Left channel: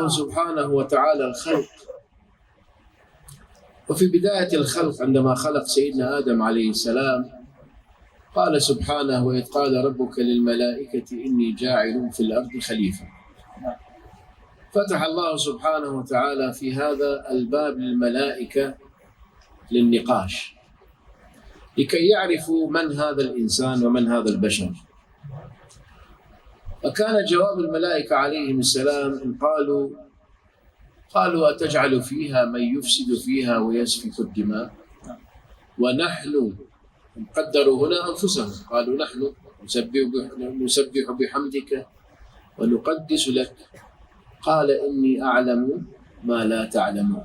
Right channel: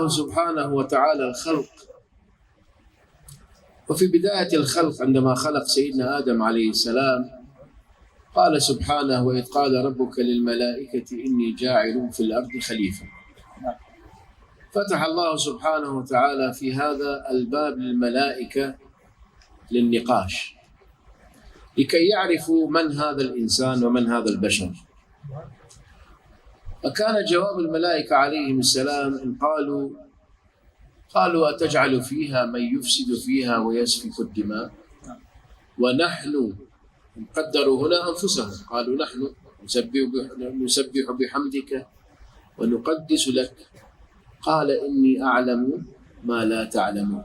الله سبحانه وتعالى الخلق. وفي بداية الخلق عندما خلق سيدنا آدم عليه السلام قال سبحانه: وإذ قال ربك للملائكة إني جاعل في الأرض خليفة. فتح الله سبحانه وتعالى في هذا الباب للملائكة للنقاش لكي يعرفوا من هذا الإنسان ومن هذا البشر. فكان جواب الملائكة عليهم السلام إن قالوا أتجعل فيها من يفسد فيها ويسفك الدماء ونحن، قدروا هنا أنفسهم، قالوا نحن نسبح بحمدك ونقدس لك، قال إني أعلم ما لا تعلمون.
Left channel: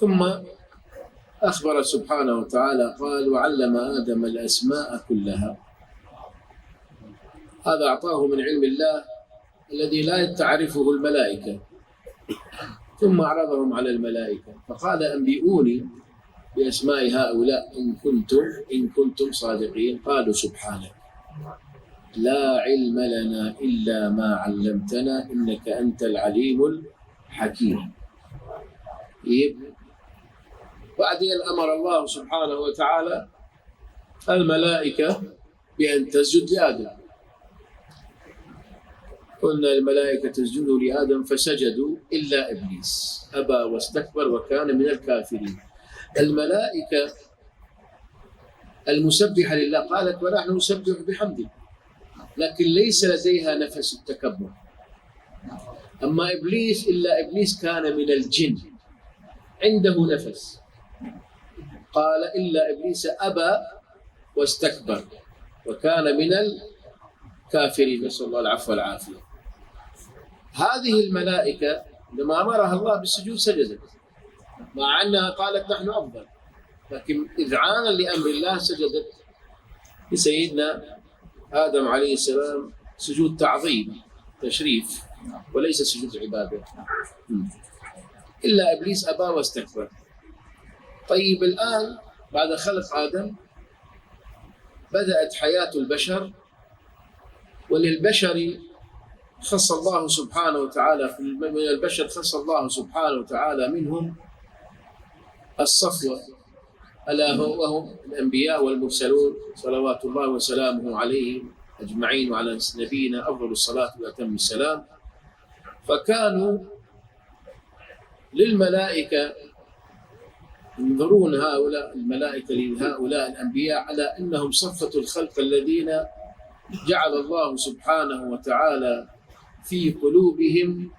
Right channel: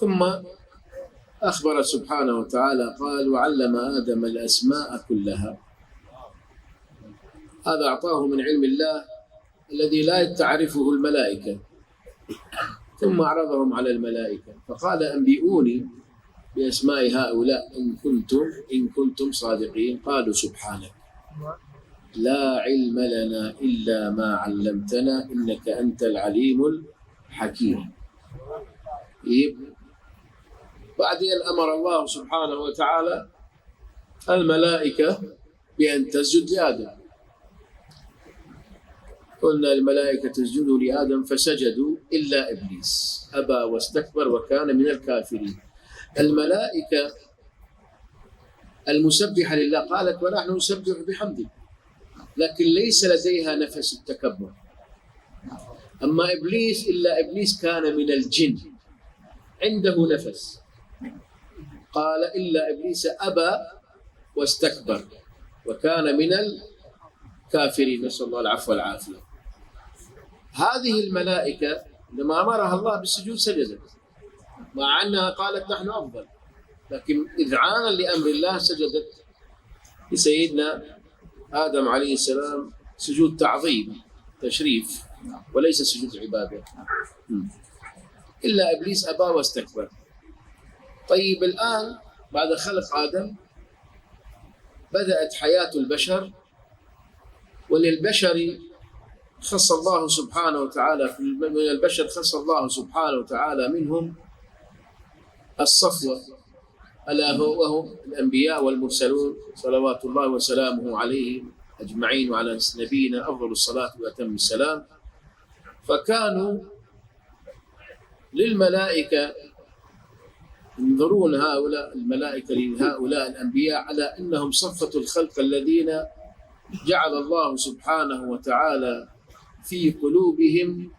ثم أخبر سبحانه وتعالى قال: وعلم آدم الأسماء كلها. هذا أعطاه من علم الله الذي لا تعرفه الملائكة. ثم عرضهم على الملائكة فقال: أنبئوني بأسماء هؤلاء إن كنتم صادقين. قالوا: سبحانك لا علم لنا إلا ما علمتنا إنك أنت العليم الحكيم. بعدين أمر الله سبحانه وتعالى الملائكة بأن تسجد لآدم. قلنا الملائكة اسجدوا لآدم فسجدوا إلا إبليس أبى واستكبر وكان من الكافرين. الملائكة المسبحة لله قالت: ونحن نسبح بحمده، لكن ليس لديها نفس التكبر. أما إبليس إلا إبليس كان من الجن عنده نفس، قال: إلا إبليس أبى واستكبر وكان من الكافرين، نسأل الله العفو والعافية. هذه الملائكة لما أمرها الله بالسجود سجدت، مع أنها قالت نحن أفضل، لكن إذعانا لأمر الله سجدت لسيدنا آدم عليه السلام سجود تعظيم تشريف وليس سجود عبادة. إلا إبليس أبى واستكبر. طيب الآن بعد خلق آدم بدأت حياة البشر، وللبشر خص الله سبحانه وتعالى من البشر خص الله سبحانه وتعالى منهم الصفوة، ألا وهم الأنبياء والمرسلون صلوات الله وسلامه عليهم أجمعين، وعلى نبينا أفضل الصلاة وأتم السلام. فكانوا للملائكة ينظرون هؤلاء الملائكة لهؤلاء الأنبياء على أنهم صفة الخلق الذين جعل الله سبحانه وتعالى في قلوبهم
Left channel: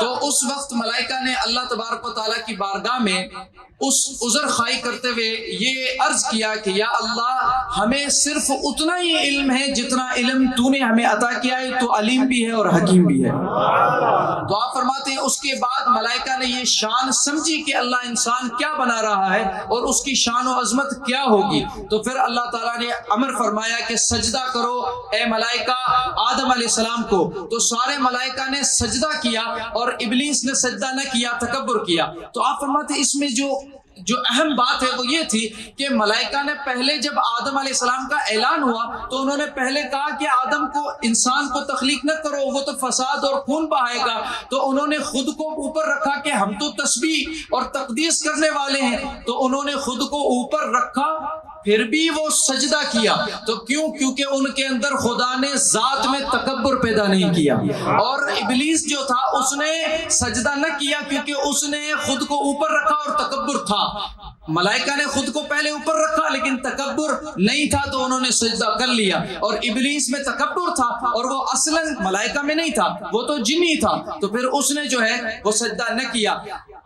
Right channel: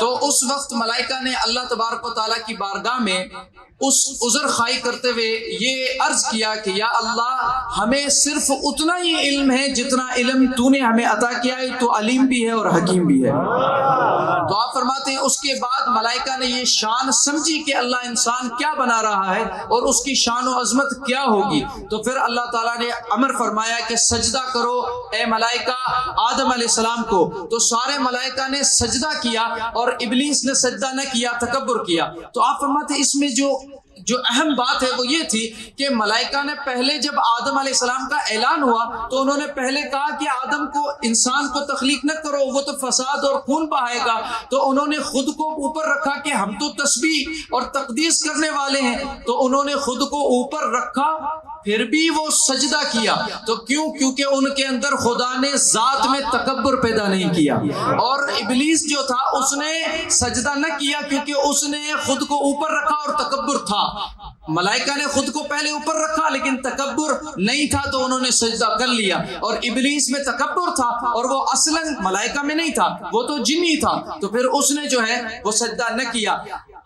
تو اس وقت ملائکہ نے اللہ تبارک و تعالیٰ کی بارگاہ میں اس عذر خواہی کرتے ہوئے یہ عرض کیا کہ یا اللہ ہمیں صرف اتنا ہی علم ہے جتنا علم تو نے ہمیں عطا کیا ہے، تو علیم بھی ہے اور حکیم بھی ہے۔ تو آپ فرماتے ہیں اس کے بعد ملائکہ نے یہ شان سمجھی کہ اللہ انسان کیا بنا رہا ہے اور اس کی شان و عظمت کیا ہوگی، تو پھر اللہ تعالیٰ نے امر فرمایا کہ سجدہ کرو اے ملائکہ آدم علیہ السلام کو۔ تو سارے ملائکہ نے سجدہ کیا اور ابلیس نے سجدہ نہ کیا، تکبر کیا۔ تو آپ فرماتے ہیں اس میں جو اہم بات ہے وہ یہ تھی کہ ملائکہ نے پہلے جب آدم علیہ السلام کا اعلان ہوا تو انہوں نے پہلے کہا کہ آدم کو، انسان کو تخلیق نہ کرو، وہ تو فساد اور خون بہائے گا۔ تو انہوں نے خود کو اوپر رکھا کہ ہم تو تسبیح اور تقدیس کرنے والے ہیں، تو انہوں نے خود کو اوپر رکھا، پھر بھی وہ سجدہ کیا۔ تو کیونکہ ان کے اندر خدا نے ذات میں تکبر پیدا نہیں کیا۔ اور ابلیس جو تھا اس نے سجدہ نہ کیا کیونکہ اس نے خود کو اوپر رکھا اور تکبر تھا۔ ملائکہ نے خود کو پہلے اوپر رکھا لیکن تکبر نہیں تھا تو انہوں نے سجدہ کر لیا، اور ابلیس میں تکبر تھا اور وہ اصلاً ملائکہ میں نہیں تھا، وہ تو جنی تھا، تو پھر اس نے جو ہے وہ سجدہ نہ کیا۔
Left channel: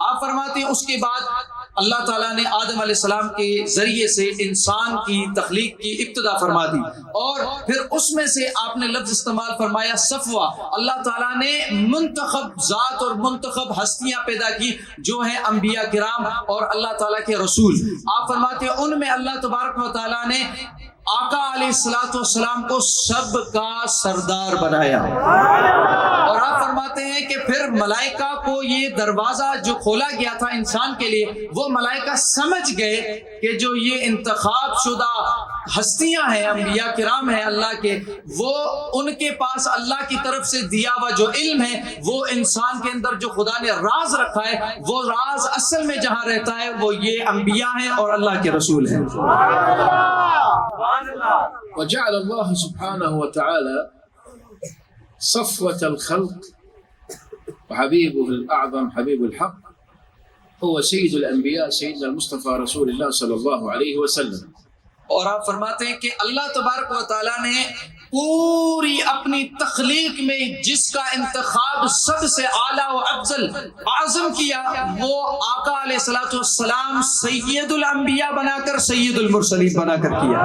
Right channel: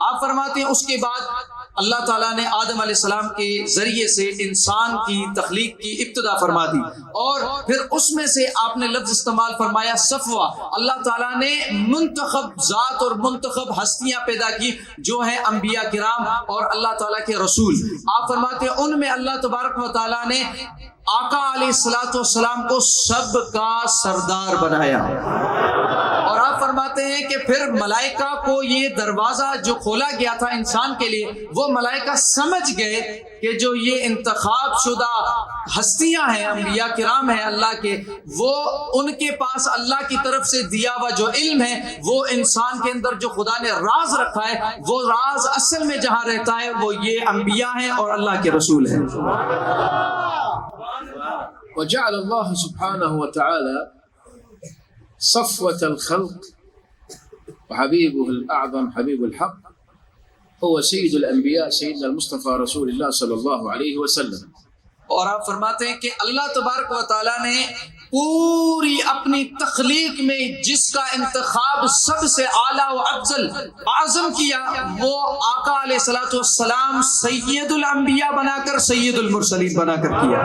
آپ فرماتے ہیں اس کے بعد اللہ تعالیٰ نے آدم علیہ السلام کے ذریعے سے انسان کی تخلیق کی ابتدا فرما دی، اور پھر اس میں سے آپ نے لفظ استعمال فرمایا صفوہ۔ اللہ تعالیٰ نے منتخب ذات اور منتخب ہستیاں پیدا کی جو ہیں انبیاء کرام اور اللہ تعالیٰ کے رسول۔ آپ فرماتے ہیں ان میں اللہ تبارک و تعالیٰ نے آقا علیہ السلام کو سب کا سردار بنایا، اور آپ فرماتے ہیں کہ پھر ملائکہ کو یہ دروازہ جو کھولا گیا تھا انسان کے لیے، وہ ملائکہ سمجھ گئے کہ جو یہ انتخاب شدہ ہستیاں ہیں، انبیاء کرام ہیں اللہ کے، وہ ان کے پاس اللہ کی طرف سے دیا ہوا جو علم ہے، وہ انسان کے اندر جو خدا نے راز رکھا ہے، وہ راز اصل میں جہاں رہتا ہے وہ یہ انبیاء ہیں اور اللہ کے رسول ہیں۔ وجعل الله سبحانه وتعالى صفوة الخلق وحبيبه الأعظم حبيب الحق هو سيد الأنبياء سيدنا المصطفى رسول الله صلى الله عليه وسلم۔ اور آپ فرماتے ہیں کہ اللہ تبارک و تعالیٰ نے پوری اپنی تخلیق میں جس کا انتخاب سب سے اعلیٰ و افضل اعظم کیا، وہ آقا علیہ السلام سید الانبیاء بنا کر سید المرسلین بنا کر کیا۔